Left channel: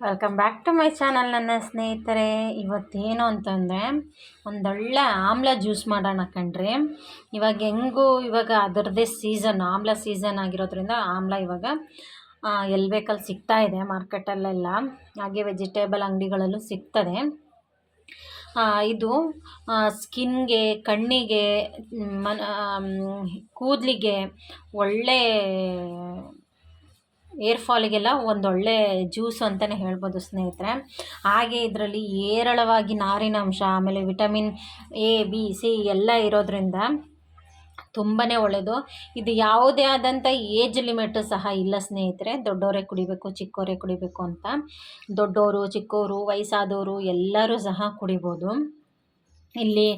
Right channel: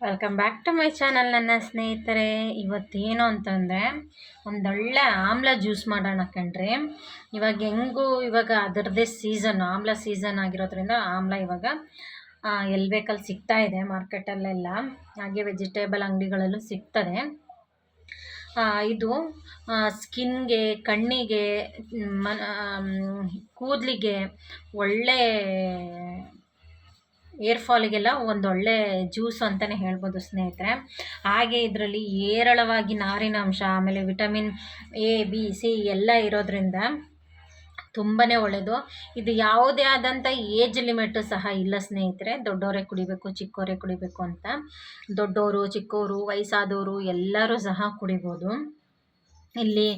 Welcome back to my channel ನನ್ನ ಸ್ನೇಹಿತರೆ. ಇವತ್ತೇನು ಅಂತಂದರೆ, ಒಂದೊಳ್ಳೆ ಆಮ್ಲ ಜ್ಯೂಸ್ ಮಾಡೋಣ ಕಣ್ರಿ. ಇವಾಗ ಹೆಂಗೂ ಇವಾಗ ಅದರದ್ದೇ ಸೀಸನ್ ಆಮ್ಲ ಸೀಸನ್ ಆಗಿರೋದ್ರಿಂದ ಆಮ್ಲ ಇವಾಗ ಎಲ್ಲಿ ಬೇಕಲ್ಲಿ ಸಿಗ್ತಾ ಇದೆ ಮಾರ್ಕೆಟಲ್ಲೆಲ್ಲ. ಹಾಗೆ ವೆಜಿಟೇಬಲ್ ಅಂಗಡಿಗಳಲ್ಲೂ ಸಿಗ್ತದೆ. ಇದು ಸ್ಕಿನ್ಗೆ, ಕಣ್ಣಿಗೆ ಮನ ಕೂದಲಿಗೆ ಒಳ್ಳೆ ಏರ್ ಫಾಲಿಗೆಲ್ಲ ಒಂದೊಳ್ಳೆ ಜ್ಯೂಸು ಅಂತಲೇ ಹೇಳ್ಬೋದು ಸ್ನೇಹಿತರೆ. ಹಾಗೆ ಇದರಲ್ಲಿ ಹೇರಳವಾಗಿ ನಾರಿನಾಂಶ ಆಮೇಲೆ ವಿಟಮಿನ್ ಎ, ಬಿ, ಸಿ ಎಲ್ಲ ಇರೋದ್ರಿಂದ ತುಂಬಾ ಒಳ್ಳೆಯದು ಇದು ಯಾವುದೇ ಆದಂಥ ಏಜ್ ಲಿಮಿಟು ಸಹ ಇಲ್ಲ ಸ್ನೇಹಿತರೆ. ದೊಡ್ಡವರೇ ಕುಡಿಬೇಕು ಚಿಕ್ಕವರೇ ಕುಡಿಬೇಕು ಅಂತ. ದೊಡ್ಡವರು ಚಿಕ್ಕವರು ವಯಸ್ಸಾದವರು ಎಲ್ಲರೂ ಸಹ ಕುಡಿಬೋದು. ಇಲ್ಲಿ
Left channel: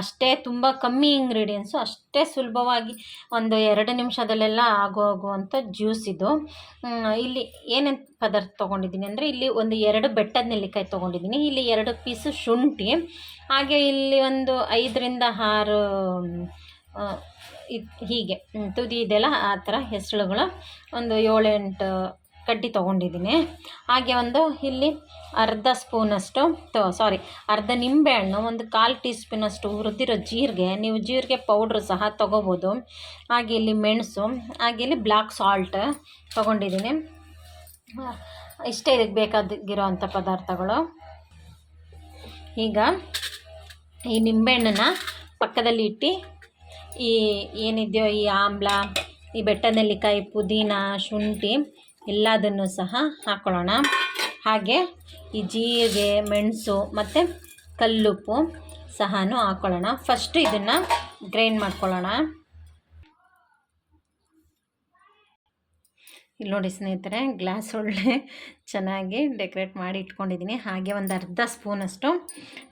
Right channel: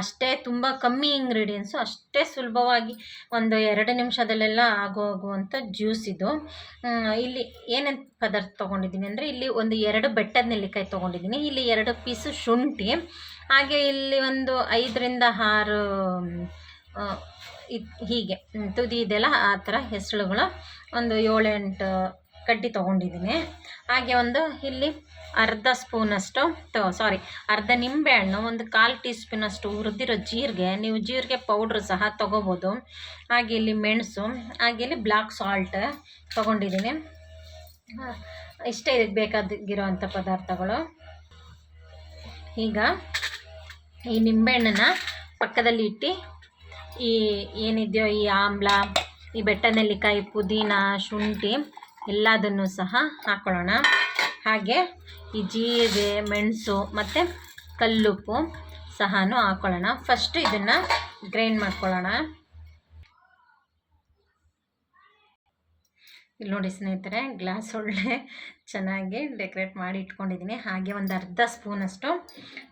ಅಷ್ಟೇ ತುಂಬ ಕಮ್ಮಿ ಇಂಗ್ರೀಡಿಯೆಂಟ್ಸು ಅಷ್ಟೇ ಸುಲಭವಾಗಿ ಒಂದು ಎರಡು ನಿಮಿಷದಲ್ಲೆಲ್ಲ ಆಗೋಗುವಂಥ ಜ್ಯೂಸ್ ಇದು. ಇಲ್ಲಿ ಏನೇನು ಪದಾರ್ಥ ತೊಗೊಂಡಿದ್ದೀನಿ ಅಂದರೆ ಇಲ್ಲಿ ಒಂದು ಎರಡು ಬೆಟ್ಟದ ನೆಲ್ಲಿಕಾಯಿ ತೊಗೊಂಡಿದ್ದೀನಿ. ಇಲ್ಲಿ ಎರಡು ಪೀಸು ಶುಂಠಿ, ಹಾಗೆ ಇಲ್ಲಿ ಒಂದು ಐದರಿಂದ ಆರು ಇದು ಹೀಗೆ ತುದಿ ಇದೆಲ್ಲ ಆ ಥರ ಹೆಸರುಗಳು. ಒಂದು ಏಳೆಂಟು ಕಡ್ಡಿ ತೊಗೊಂಡಿದ್ದೀನಿ. ಹಾಗೆ ಒಂದು ಇಲ್ಲಿ ಅರ್ಧ ಸ್ಪೂನಷ್ಟು ಸಾರಿ ಅರ್ಧ ನಿಂಬೆಹಣ್ಣು ಒಂದು ಕಾಲು ಟೀ ಸ್ಪೂನಷ್ಟು ಹುರಿದಿರೋ ಜೀರಿಗೆ, ನೀವು ಜೀರಿಗೆ ಪೌಡ್ರ್ ಸಹ ತೊಗೋಬೋದು. ಹಾಗೆ ಇಲ್ಲಿ ಮೆಣಸು, ಹಾಗೆ ಇಲ್ಲಿ ಬ್ಲ್ಯಾಕ್ ಸಾಲ್ಟ್ ತೊಗೊಂಡಿದ್ದೀನಿ. ಇಷ್ಟೇ ಇದಕ್ಕೆ ಬೇಕಾಗಿರೋ ಪದಾರ್ಥಗಳು. ಈಗ ಈ ನಿಂಬೆಹಣ್ಣನ್ನ ಪಕ್ಕದಲ್ಲಿ ಇಟ್ಟು, ಈ ಏನಿದೆಯೋ ಈ ಆಮ್ಲ, ಈ ಬೆಟ್ಟ ನೆಲ್ಲಿಕಾಯಿ ಪುದೀನ ಶುಂಠಿ ಎಲ್ಲದನ್ನು ಸಹ ಹಾಕ್ಕೊಳ್ಳೋಣ ಹಾಗೆ ಈ ಜೀರಿಗೆ, ಮೆಣಸು ಮತ್ತು ಕಲ್ಲುಪ್ಪು ಸಹ ಹಾಕ್ಕೊಳ್ಳೋಣ ಫಸ್ಟ್ ಇದನ್ನು ಗ್ರೈಂಡ್ ಮಾಡ್ಕೊಳ್ಳೋಣ. ಇಲ್ಲಿ ನೋಡಿ ಸ್ನೇಹಿತರೆ, ಗ್ಲಾಸ್ ಒಳ್ಳೆ ಚೆನ್ನಾಗಿ ಡೆಕೋರೇಟ್ ಮಾಡಿ ಇಟ್ಕೊಂಡಿದ್ದೀನಿ. ಹಾಗೆ ಒಂದು ಅರ್ಧ ಸ್ಪೂನಷ್ಟು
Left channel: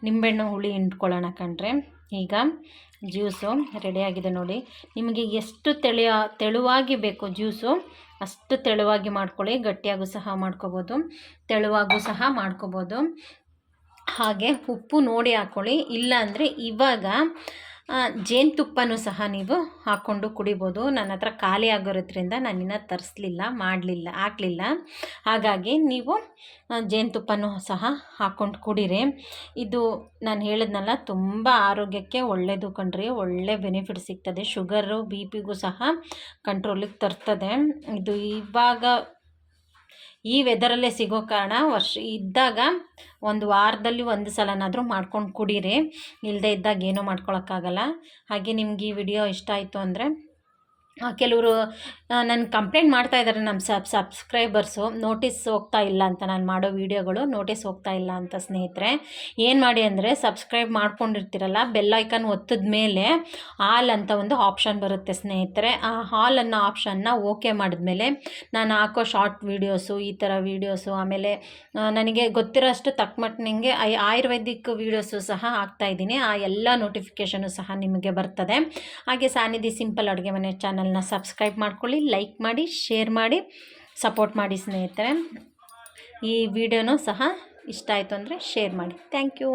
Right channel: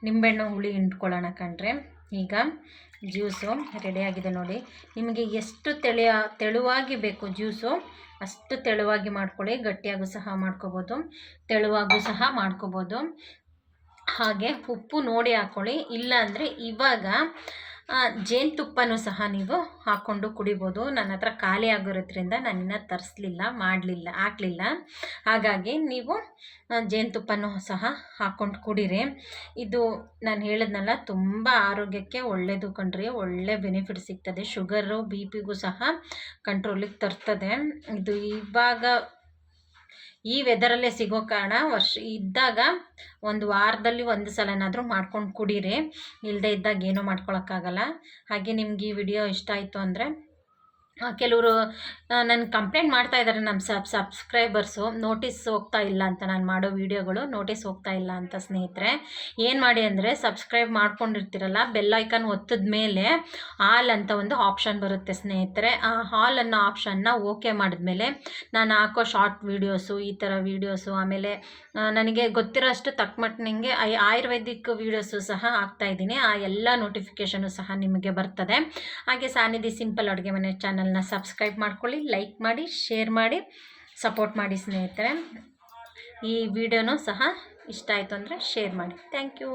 ನಿಂಬೆಹಣ್ಣು ಹುಳಿ ಇಟ್ಕೊಳ್ಳೋಣ ಕಣ್ರೆ. ಈಗ ಜ್ಯೂಸು ರೆಡಿಯಾಗಿದೆ ನೋಡಿ. ನಿಮಗೆ ಎಷ್ಟು ತೆಳೆಯ, ತೆಳುವಾಗಿ ಬೇಕು ಜ್ಯೂಸು, ಅಷ್ಟು ತೆಳುವಾಗಿ ಮಾಡ್ಕೊಳ್ಳಿ. ಗಟ್ಟಿಯಾಗೂ ಸಹ ಮಾಡ್ಕೋಬೋದು. ತೆಳುವಾಗೂ ಸಹ ಮಾಡ್ಕೋಬೋದು. ಹಾಗೆ ಉಪ್ಪು ನೋಡಿ ಹಾಕ್ಕೊಳ್ಳಿ ಇಲ್ಲ ಅಂದರೆ ಇವಾಗ ಜೇನುತುಪ್ಪನೂ ಸಹ ನೀವು ಹಾಕ್ಕೊಂಡು ಕುಡಿಬೋದು. ನನ್ನ ಹತ್ರ ಖಾಲಿ ಆಗಿರೋದ್ರಿಂದ ನಾನಿನ್ನ ತರಿಸ್ಲಿಲ್ಲ, ಮಾಡಲಿಲ್ಲ, ಹಾಕಲಿಲ್ಲ. ಹಾಗಾಗಿ ನೀವು ಜೇನುತುಪ್ಪನೂ ಸಹ ಹಾಕ್ಕೊಂಡು ಕುಡಿರಿ. ಇದು ನಾನು ಹೇಳಿದ್ನಲ್ಲ, ತುಂಬ ಆರೋಗ್ಯಕ್ಕೆ ಒಳ್ಳೆಯದು ಕಣ್ರಿ. ಒಳ್ಳೆ ಬೆನಿಫಿಟ್ ಸಿಗ್ತದೆ. ಶುಗರು ಬಿ ಪಿಗೂ ಸಹ ಕಂಟ್ರೋಲಿಗೆ ತರ್ತದೆ. ಇದು ಇವಾಗ ಈ ವೆದರಲ್ಲೇ ಸಿಗೋ ಕಾರಣ ವರ್ಷ ಇದ್ದಾಗ ಒಂದು ವಾರದಲ್ಲಿ ಒಂದು ಸಲನಾದರೂ ಮಾಡ್ಕೊಂಡು ಕುಡೀರಿ. ಇಲ್ಲದೇ ಇದ್ದಾಗ ಏನೂ ಮಾಡ್ಕೊಳಕ್ಕಾಗಲ್ಲ. ಹಾಗೆ ನಿಮ್ಗೆ ಈ ವಿಡಿಯೋ ಇಷ್ಟ ಆಯಿತು ಅಂದರೆ ಕೆಲವರು ನನ್ನ ಕಂಪ್ಲೇಂಟ್ ಮಾಡ್ತಾ ಇದ್ದಾರೆ ನಮ್ಮ ಸಬ್ ಸಬ್ಸ್ಕ್ರೈಬರ್ಸು ನೋಟಿಸ್ ಹೋಗ್ತಾ ಇಲ್ಲ ಅಂತ ನಾನು ಮಾಡೋ ವೀಡಿಯೋಗಳು ನೋಟಿಸ್ ಹೋಗ್ತಾ ಇಲ್ಲ ಅಂತ ಸ್ನೇಹಿತರೆ. ಏನು ಮಾಡಿ ಅಂದರೆ ಸಬ್ಸ್ಕ್ರೈಬ್ ಮಾಡ್ಕೊಂಡಿರ್ತೀರಲ್ಲ ಬೆಲ್ ಐಕನ್ ಒತ್ತಿದ ಮೇಲೆ ಹಾಲ್ ಅಂತ ಒಂದು ಆಪ್ಷನ್ ಬರುತ್ತೆ ಸ್ನೇಹಿತರೆ. ಆ ಹಾಲ್ ಅನ್ನೋ ಆಪ್ಷನ್ನ ಓಕೆ ಮಾಡಿದ್ಮೇಲೆ ನಾನು ಹಾಕೋ ಶಾರ್ಟ್ ವೀಡಿಯೋಸು ಈ ಥರ ವೀಡಿಯೋಸು ಆಮೇಲೆ ನನಗೆ ಗೊತ್ತಿರೋ ಅಷ್ಟು ತಕ್ಕಮಟ್ಟಿನಂಗೆ ಐ ಆಯುರ್ವೇದಿಕ್ ವೀಡಿಯೋಸು ಸಹ ಹಾಕ್ತಾಯಿದ್ದೀನಿ ಆ ಎಲ್ಲ ನೋಟಿಫಿಕೇಷನು ಸಹ ನಿಮಗೆ ಬರ್ತದೆ. ಹಾಗೆ ಸಾನಿಧಿ ಸಿಂಪಲ್ ಅಡುಗೆ ಮನೆ ಚಾನಲ್ನ ಸಬ್ಸ್ಕ್ರೈಬ್ ಮಾಡ್ಕೊಳ್ಳಿ, ಲೈಕ್ ಮಾಡಿ, ಶೇರ್ ಮಾಡಿ, ಸಪೋರ್ಟ್ ಮಾಡಿ ಸ್ನೇಹಿತರೆ. ಈ ವಿಡಿಯೋನೂ ಸಹ ಇಷ್ಟ ಆಯಿತು ಅಂದರೆ ಶೇರ್ ಮಾಡಿ. Thank you.